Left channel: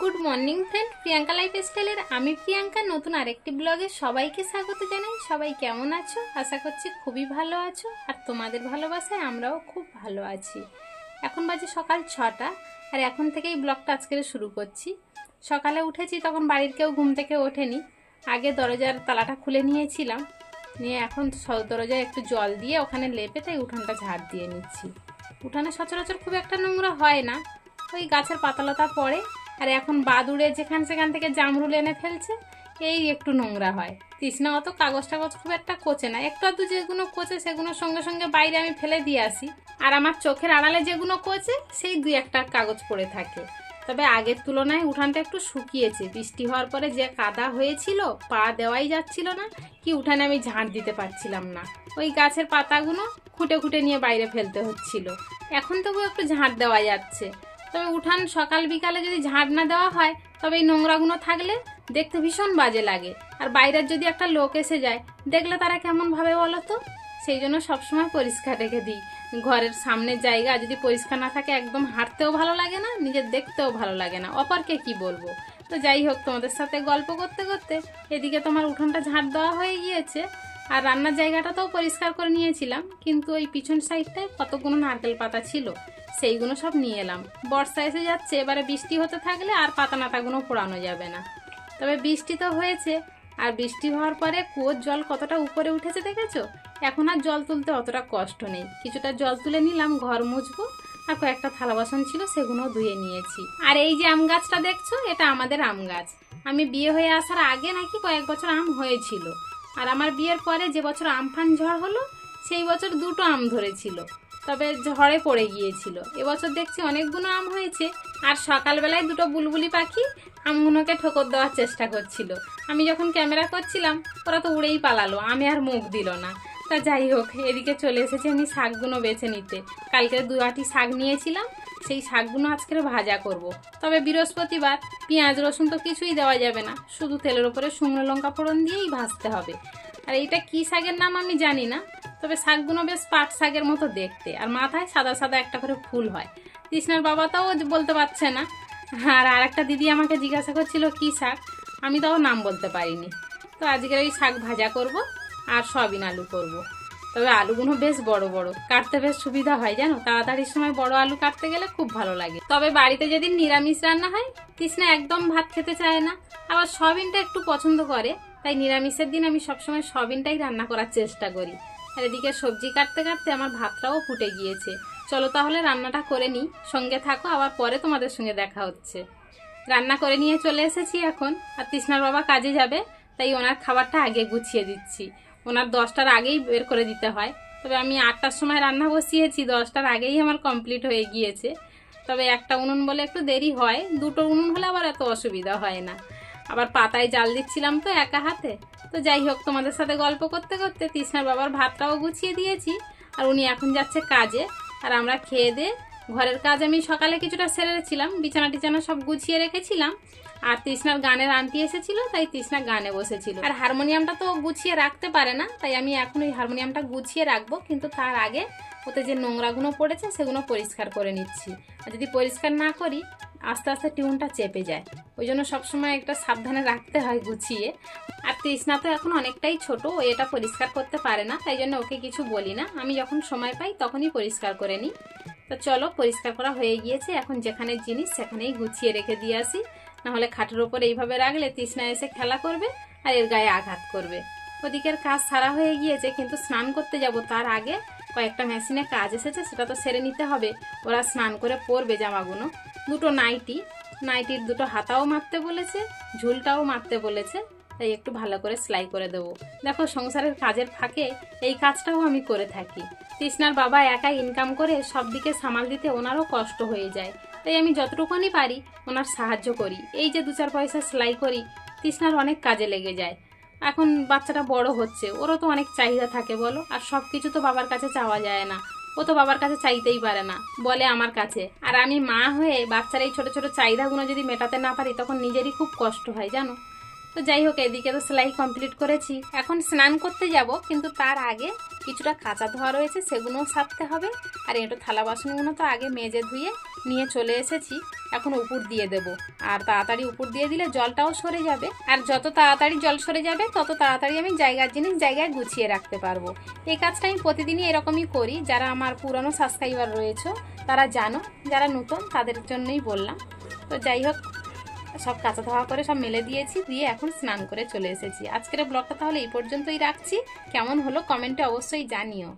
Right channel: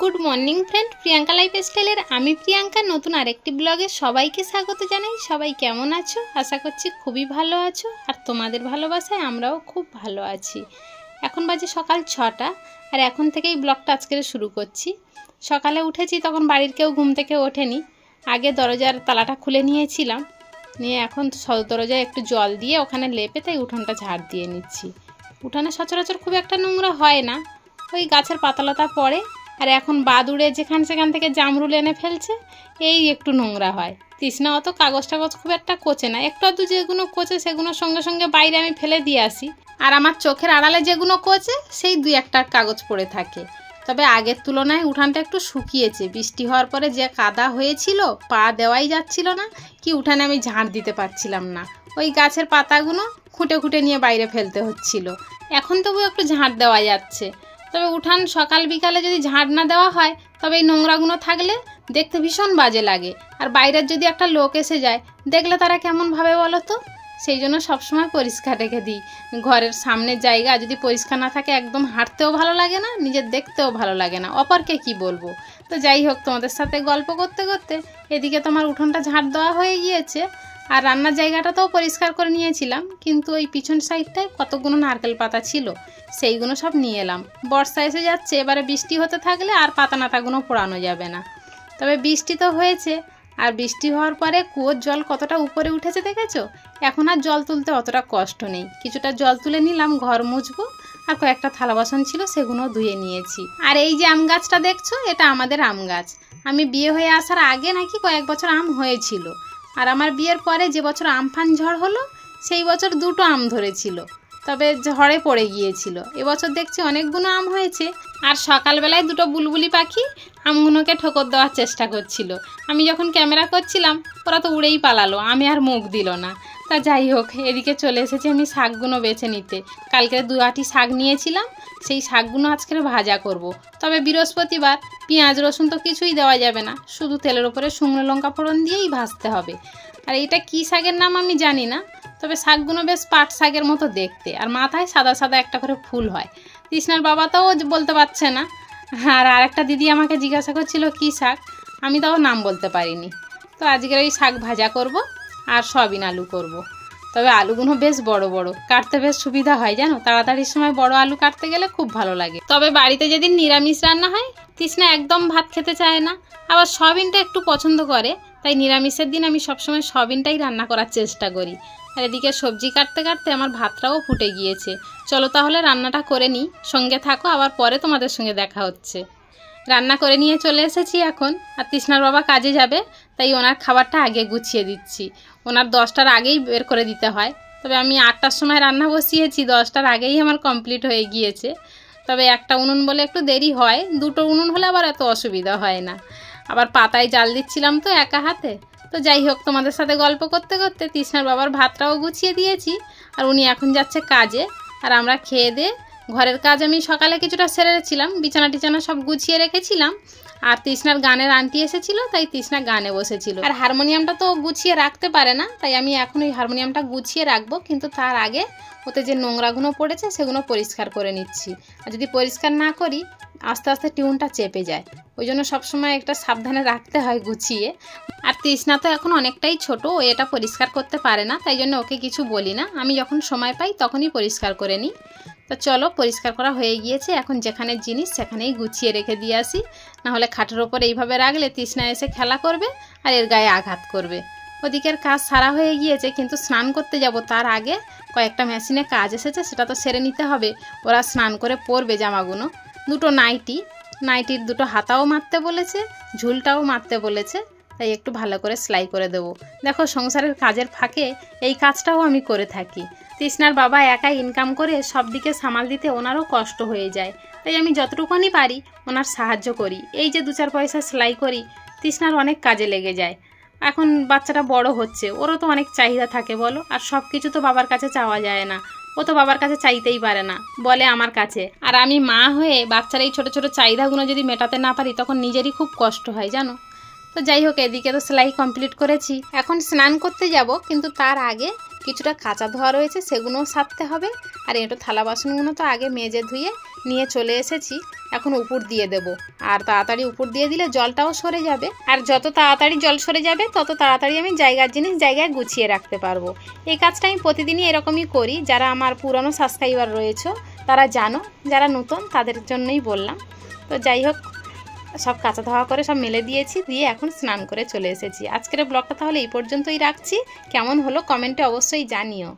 Good morning friend, Priyanka লাইফস্টাইলের আমি প্রিয়াঙ্কা নতুন আরেকটি ব্লগে সবাইকে স্বাগত জানাই। সবাই কেমন আছো? আশা করছি খুবই ভালো আছো, আর তোমাদের ভালোবাসায় আমরাও খুব ভালো আছি। এখন বাজে সকাল 6টা, আর এখন থেকেই ব্লগটা আজকের শুরু করছি। সকালে উঠেছি, তখন বাড়ির কেউ ঘুম থেকে ওঠেনি। আগে দরজার তালাটা খুলে নিয়েছিলাম, নিয়ে এখন দরজায় একটু জল দিয়ে ওখানে লেপে তাই উঠোনটা ঝাড় দিয়ে নিচ্ছি। উঠানে সচরাচর খুব একটা নোংরা হয় না, ওই গাছের পাতালতা পড়ে, আর এখন বাদুড়ে যেখান সেখান থেকে জামরুল এনে ফেলছে, এই একটু নোংরা হয়। তৃষ্ণা অত কাগজ টাগজ খুব একটা কোচে না, একটু আধটু যেগুলো কোচে সেগুলো সঙ্গে সঙ্গে বাইরে আমি ফেলে দিয়ে আসি। আর আমার চোখের আড়ালে যেগুলো কোচে সেই 2-1টা কাগজ পড়ে থাকে। তবে আগের তুলনায় উঠানটা একটু শুকিয়েছে, বৃষ্টি হওয়ার পরে যে কাদা হয়েছিল পা দেওয়াই যাচ্ছিল না, কি উঠানে আমি ঝাড় দিতে পারছিলাম না, ওই গাছের পাতাগুলো খুঁটে খুঁটে নিয়ে বাইরে ফেলতে হচ্ছিল। এখন তবু একটু ঝাড় দেওয়া যাচ্ছে। তবে উঠান সকাল বিকালে যদি ঝাড় না দেওয়া হয় তবে এই নোংরাগুলো থাকলে দেখতে ভীষণ বাজে লাগে। আর বাইরের যদি একটা লোক এসে যায় দেখলে তারা কেমন ভাবে বলো তো? সেই জন্য সবসময় পরিষ্কার রেখে দিই। ঘরের সামনের জায়গা যদি পরিষ্কার না থাকে একদম হাঁটতেও ভালো লাগে না, নিজের দেখতেও ভালো লাগে না, অপরকে কি বলবো। তো যাই হোক, তোমাদের সাথে গল্প করতে করতে এদিকে তোমার উঠোনটা ঝাড় দেওয়া হয়ে গিয়েছে, আর রান্নার জায়গাটাতেও পরিষ্কার করে নিয়েছিলাম। কিন্তু ওই পিছন সাইডটায় কতগুলো নারকেল পাতা ছিল, সেইগুলো সব নিয়ে এলাম। বর্ষা এসে যাচ্ছে, এবারে বৃষ্টি হতে থাকলে আর পাতা নাতাগুলো পোড়ানো যাবে না। তবে বৃষ্টি তো হয়েছে, আর বৃষ্টি হওয়ার পরে কুয়োর জল কতটা উপরে উঠেছে দেখেছো? এখন আর জল তুলতে অতটা কষ্ট নেই। কিছুটা জল তুলে নিলাম ঘর মুছবো, আর কয়েকটা থালা বাসন ছিল সেগুলো ধুয়ে নিয়েছি। আর এই যে আম গাছটা দেখছো, এটা আমাদের আম গাছ। আমি বিয়ে হয়ে আসার আগে নাকি কয়েক বছর আম হয়েছিল, আর আমার বিয়ের পরে যে বছর আমফান ঝড় হলো সেই বছর 2টো আম ধরেছিল, তবে ঝড়ে পড়ে গিয়েছিল। এবছর দেখছি অনেকগুলো আম হয়েছে। আর সকালবেলায় 2টো বুলবুলি পাখি আমগুলোকে ঠোকর দেওয়ার চেষ্টা করছিল। আমি যখন ক্যামেরা করছিলাম ওরা তো উড়েই পালালো, আমি আর মুখ দিল না। তা যাই হোক, এদিকে চলে এসেছি আমি শাকগুলো বেছে নিতে। কালকে 2 আঁটি শাক নিয়েছিলাম, সেই শাকগুলো আজকের ভাজা করব। তবে বৃহস্পতিবার পেঁয়াজ রসুন তো কিছুই দেওয়া যাবে না, শুধু তেলের উপরে শুকনো লঙ্কা ফোড়ন দিয়েই ভাজতে হবে। আর এটা কি শাকের নাম আমি জানি না, তবে শাকগুলো বেশ পাট শাকের মতো দেখতে, আর মাথায় সাদা সাদা একটা করে ফুল হয়। তৃষ্ণার বাবা তাও বলতে পারছে না। আর আরেকটা দিদি আমাকে জিজ্ঞাসা করছিল কী শাক, আমি তাও নাম বলতে পারিনি। তো আজকের ওই শাক ভাজা করব, আর সয়াবিন আলু করব। তবে আলুগুলো বেশ বড় বড়, কাটতে বেশ সুবিধা হয় জানো, তাড়াতাড়ির সময় বড় আলু কাটতে গেলে খুব ভালো লাগে। তবে বাড়িতে যেদিন নিরামিষ রান্না হয় তৃষ্ণা একদম ভাত খেতে চায় না, আবার সয়াবিনটা একটু পছন্দ করে, তাই নিরামিষের দিন আমি সবসময় সয়াবিনটাই রান্না করার চেষ্টা করি। আর এদিকে সবজি কাটতে কাটতে আমার ভাতটাও ফুটে গিয়েছে। চলো তাহলে রান্নাটা করে নিই, সঙ্গে থাকো, আবার পরে তোমাদের সঙ্গে দেখা হচ্ছে। রান্না করে নিয়ে চলে এসেছি এখন। আর তৃষ্ণার বাবা কাজে যাবে, তাই ওনার খাবারটা আগে গুছিয়ে দিচ্ছি। ওনার 10টার আগেই বের করে দিতে হয়, তবে আমি 8টার সময় রান্না বসিয়েছি, 10টার আগেই আমার কমপ্লিট হয়ে গিয়েছে। তবে একটা উনুন বলে একটু দেরি হয়, 2টো উনুন হলে আবার এত অসুবিধা হয় না। আবার পাতায় জাল দিচ্ছিলাম তো একা হাতে। তো যাই হোক, তোমাদের সাথে গল্প করতে করতে তৃষ্ণার বাবার ভাতটাও গুছিয়ে দিয়েছি, আর উনি এখন যাচ্ছে কাজে। আর আমরা খেয়ে দিয়ে ঘরের কাজ আমি সকালে কিছুটা সেরেছিলাম, বিছানা টিছানা সব গুছিয়ে রেখেছিলাম। আর তৃষ্ণার গানের আন্টি এসেছিল, তাই তৃষ্ণা গানে বসেছিল। আর হারমোনিয়ামটা তো গুছিয়ে রাখতে পারে না, তাই আমি এখন ওই হারমোনিয়ামটা গুছিয়ে রাখবো, কিন্তু তার আগে ওতে যে নোংরাগুলো পড়েছে সেগুলো পরিষ্কার করে নিচ্ছি। আর যদি পরিষ্কার না করি আস্তে আস্তে টিউনটা চেপে যায়, ওই জন্য সবসময় একটা সাবধানে রাখতে হয় গুছিয়ে। আর তৃষ্ণা তো এখন অনেকটাই ছোট, ও এটা পরিষ্কার করতে পারে না, তাই জন্য ওকে কিছু বলি না, আমি যখন সময় পাই তখনই পরিষ্কার করে নিই। তো চলো, পরিষ্কার করা হয়ে গিয়েছে, এখন যেখানে জিনিস সেখানেই গুছিয়ে রেখে দিয়ে আসি, নাহলে খাটের ওপর এইভাবে রাখলে তৃষ্ণা এসে খেলা করবে আর এর গায়ে আঘাত করবে। ওদিকের কাজ সারা হয়ে গিয়েছে, কিন্তু স্নান করতে যাব তার আগে কয়েকটা মেশিনে কাজ এসেছে, সেটা তো সেরে নিতে হবে। ওরা স্নান করে পরবে জামাগুলো। 2টো নাইটির 2টো হাতাও মারতে বলেছে, ঝুলটাও মারতে বলেছে, তাই একটু ভালো করে সেলাই করে দেবো। দেখো, সংসারের কাজের ফাঁকে এই কাজটাও আমি করে থাকি। তৃষ্ণার বাবা একাই ইনকাম করে সব দিকে সামাল দিতে ওনারও কষ্ট হয়ে যায়, তাই আমি যতটুকুনি পারি ওনার সাহায্য করি। এই যে 2-4 পয়সা সেলাই করি, তৃষ্ণার অনেক কাজে লেগে যায়। এখন বাচ্চাটা বড় হচ্ছে, ওরও তো অনেক চাহিদা থাকে বলো, আর সব কিছু তো বাবার কাছে চাওয়া যায় না, ও তো বাবার কাছে চাইতেই পারে না, বলে আমার কাছে। আর আমি মা হয়ে বাচ্চার এই ছোটো ছোটো চাহিদাগুলো যদি মেটাতে না পারি তখন নিজেরই খুব কষ্ট হয় জানো। তো যাই হোক, এদিকে তো সেলাই কমপ্লিট করেছি, এখন স্নান করতে যাব, কিন্তু তার আগে কিছুটা কাঁচা ধোয়া রয়েছে সেগুলোও সারতে হবে। আর একটু থালা বাসনগুলো তো আগে মেজে ধুয়ে নিয়ে চলে এসেছি, এখন উপর দিয়ে দেব। আর তাড়াতাড়ি উপর দিয়ে দিলে জলটাও সরে যাবে, আর যত তাড়াতাড়ি জল সরে যাবে তত তাড়াতাড়ি আমি জায়গার জিনিস জায়গায় গুছিয়ে রাখতে পারবো। এই কাজটা আমি প্রতিদিনই এরকমই করি। যারা আমার পুরানো সাবস্ক্রাইবার রয়েছে তারা জানো, যারা নতুন তাদের জন্যই বললাম। তো যাই হোক, সব কাঁচা ধোয়া করে সব মেলে দিয়েছি, দিয়ে এখন স্নান করে চলে এসেছি। আজকের ব্লগটা তাহলে এই পর্যন্তই রাখছি। কেমন হলো কমেন্টে অবশ্যই জানিও।